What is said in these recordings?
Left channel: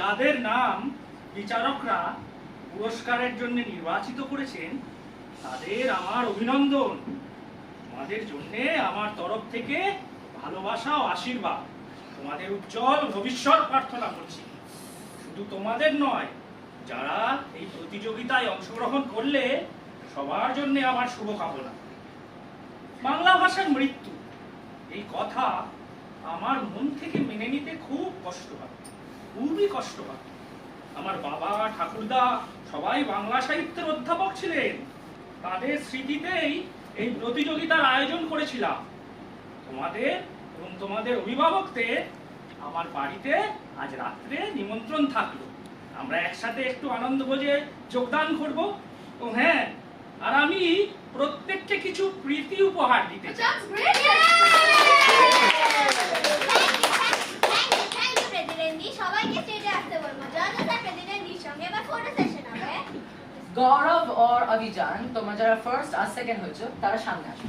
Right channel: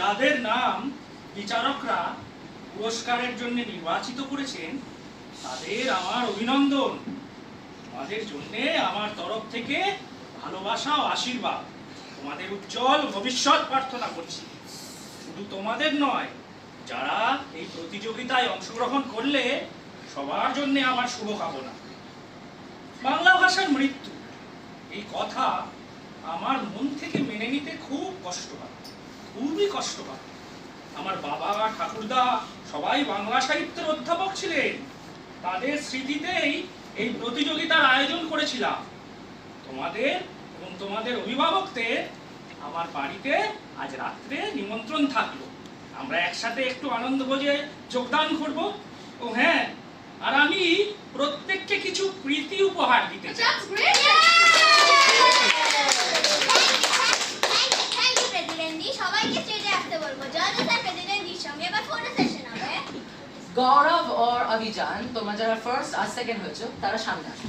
যাদের নাম বিচারকরা পুরস্কারের জন্য নির্বাচিত করেছেন তাদের আমার অভিনন্দন। তোমাদের জন্য আমার তরফ থেকে ভালোবাসা ও আশীর্বাদ। তোমাদের উজ্জ্বল ভবিষ্যৎ প্রার্থনা করছি। শুধু তোমাদের নয়, যারা এই প্রতিযোগিতায় অংশগ্রহণ করলে সবার জন্য আমার শুভকামনা। বাংলা ভাষার মৃত্যু এই কথা আমার মন থেকে মেনে নিতে খুব কষ্ট হয়, খুবই কষ্ট হয়। আমার বাবা ঠাকুরদা সবাই বাংলা সাহিত্যের অধ্যাপক ছিলেন। তাদের স্মৃতিতেই এই প্রতিযোগিতার আয়োজন করেছিলাম। তোমাদের এবং তোমাদের অভিভাবকদের আমার বাড়িতে আজ রাত্রে নিমন্ত্রণ থাকলো। আমরা একসাথে একটু আনন্দভোজে যোগদান করব। ও হ্যাঁ, আর আমি প্রত্যেককে কিছু প্রীতি উপহার দিতে চাই। গৌরব और अभिजान তোমরা যারা ফার্স্ট আর সেকেন্ড হয়েছো তারা সামনে আসো।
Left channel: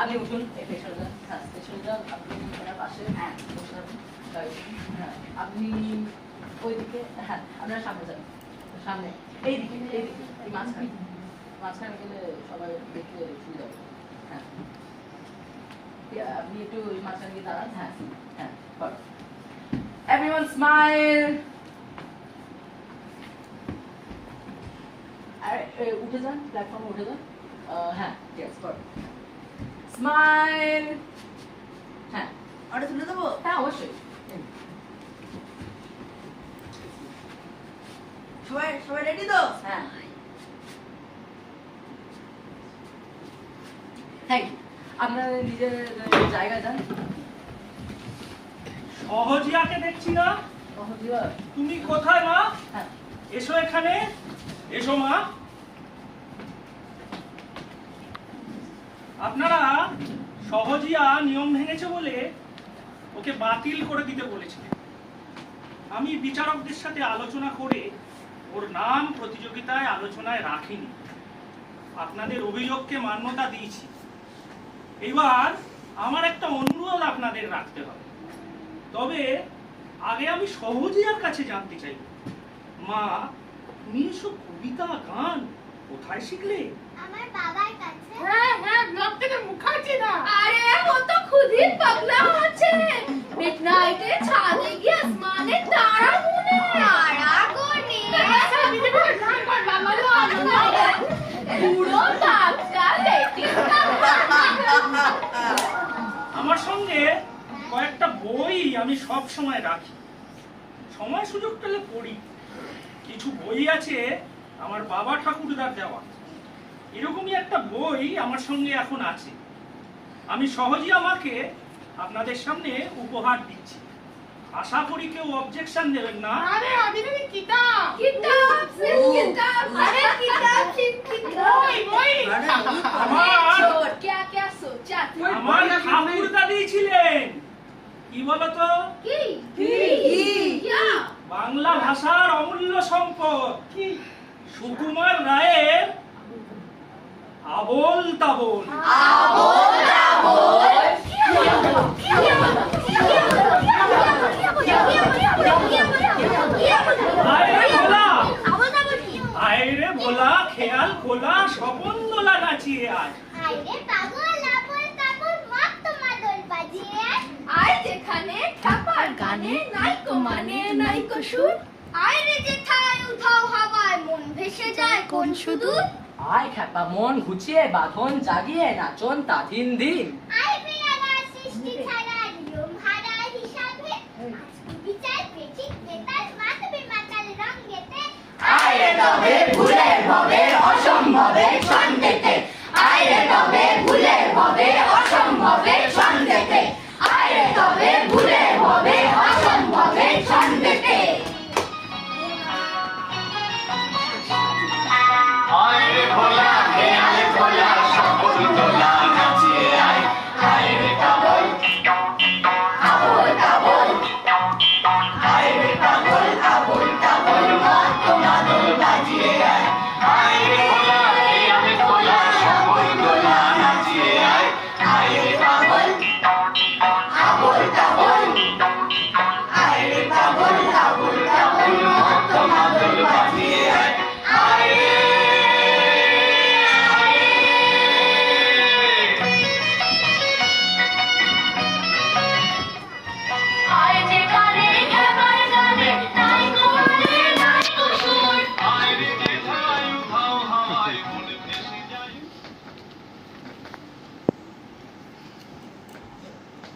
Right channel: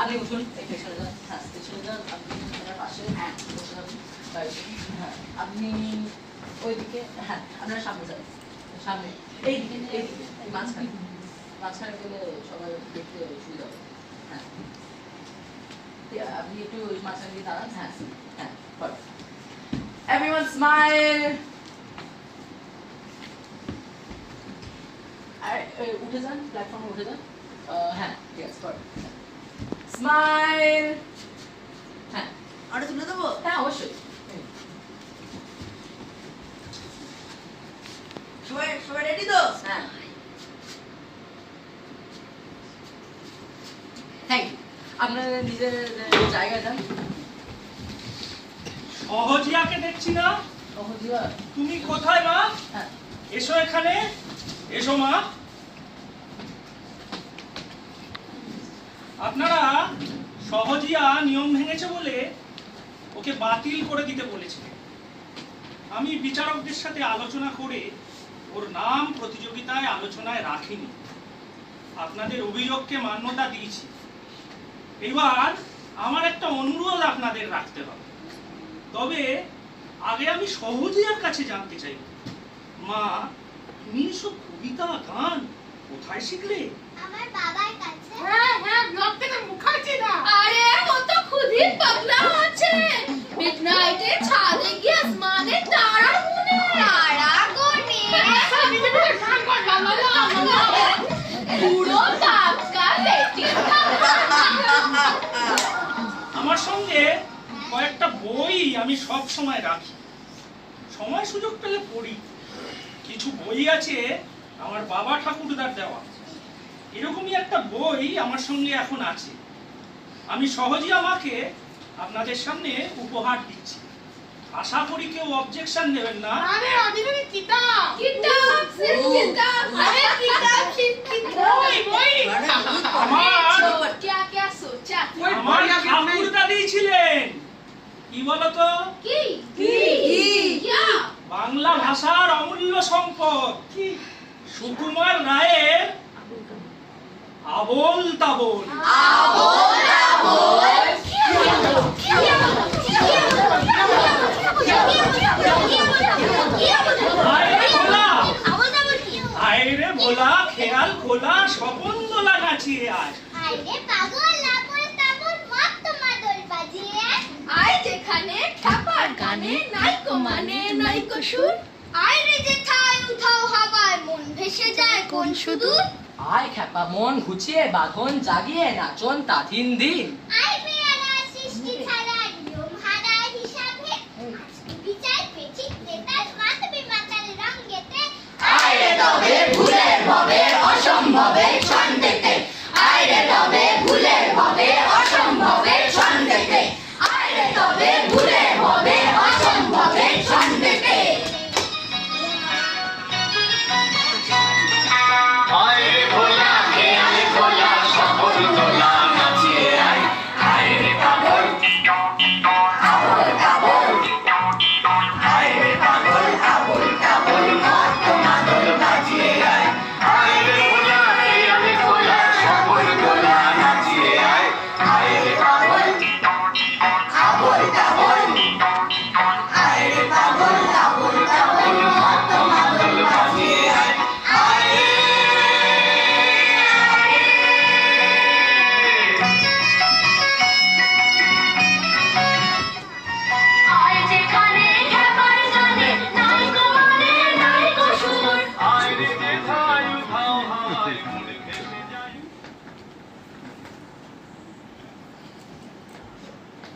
আপনি উঠুন, এখানে চলে যান। হ্যাঁ, চলে যান। আপনি এখানে পাশে হ্যাঁ বসে যাবেন। হ্যাঁ, আপনি ওইদিকে। হ্যাঁ, আপনারা সামনে যান। সামনে এইদিকে, এইদিকে, এই মাঝখানে মাঝখানে গেলে সবাই দেখতে সুবিধা হবে। হ্যাঁ, আপনি একটু মাঝখানে দিয়ে দাঁড়ান। হ্যাঁ হ্যাঁ, বল। Everyone smile. উঠে যান, প্ল্যাটফর্মে উঠে যান। হ্যাঁ, ইয়েস, গুড। স্মাইল। হ্যাঁ, আরে তুলে দেবো? হ্যাঁ অবশ্যই। সবাই রেডি তো? হ্যাঁ, থ্যাংক ইউ। আপনারা নিজের জায়গায় যান। সহজিয়াকে দেখছি না। সহজিয়া, তুমি কোথায় মা? হ্যাঁ, এসো এখানে, এসো মা। আপনারা সহজিয়া নিয়ম ভেঙেছে বলে ওকে বাতিল করে দিতে বলেছিলেন। আমি বিচারকদের সাথে আলোচনা করে ওর নাম প্রতিযোগিতায় আলোচনায় রাখিনি। আপনাদের অভিযোগকে মান্যতা দিয়েছি। এবার আমার একটা অনুরোধ আপনাদের রাখতে হবে। তবে আগে আমি সহজিয়ার কাছে জানতে চাই, মা তুমি এসব কবিতা গান কোথায় শিখলে? আমার বাবার কাছে। হ্যাঁ হ্যাঁ, লটকে মুখার্জি না। আরে ও তো খুদই পাগলা আছে। মিডনাইটে ছাদে গিয়ে আসমানে তারা গুনে। তারা গুনে? পুরো পাক্কা বেটি। আমার সঙ্গে কয়েকটা বই আমি সব সময় রাখি, সময় সুযোগ পেলে পড়ি। কিছু বই আছে আমার বাবা ঠাকুরদার দেওয়া। এরকমই একটা বই আমার সঙ্গে এখন আছে। আমি সহজেই আমাকে আপনাদের সামনে উপহার দিচ্ছি। আশা করি কেউ অবজেকশন দেবেন না। আরে অদিনে কিতাব কিতাব কিতাব। আরে কিতাব কিতাব। বই আমার क्या सोचा? আমার ঠাকুরদা দিয়েছিলেন। কি বলতো? কি কি क्या? বাংলা ভাষার অমূল্য সম্পদ সুকুমার রায়ের আবোল তাবোল। আয়রে ভোলা খেয়াল খোলা স্বপন দোলা নাচিয়ে আয়। আইরে পাগল আবল তাবল মত মাদল বাজিয়ে আয়। আয় যেখানে ঠাপার গানে নাইকো মানে নাইকো সুর। আইরে যেথায় উধাও হাওয়ায় মন ভেসে যায় কোন সুদূর। আয় খ্যাপা মন ঘুচিয়ে বাঁধন জাগিয়ে নাচন তাথিন দিন। আই পেয়ালা সৃষ্টি ছাড়া নিয়ম হারা হিসাবে আজকে বিচার পেছি তেতাল মাতবে মাতাল রঙেতে। আয় তবে ভুলে ভবে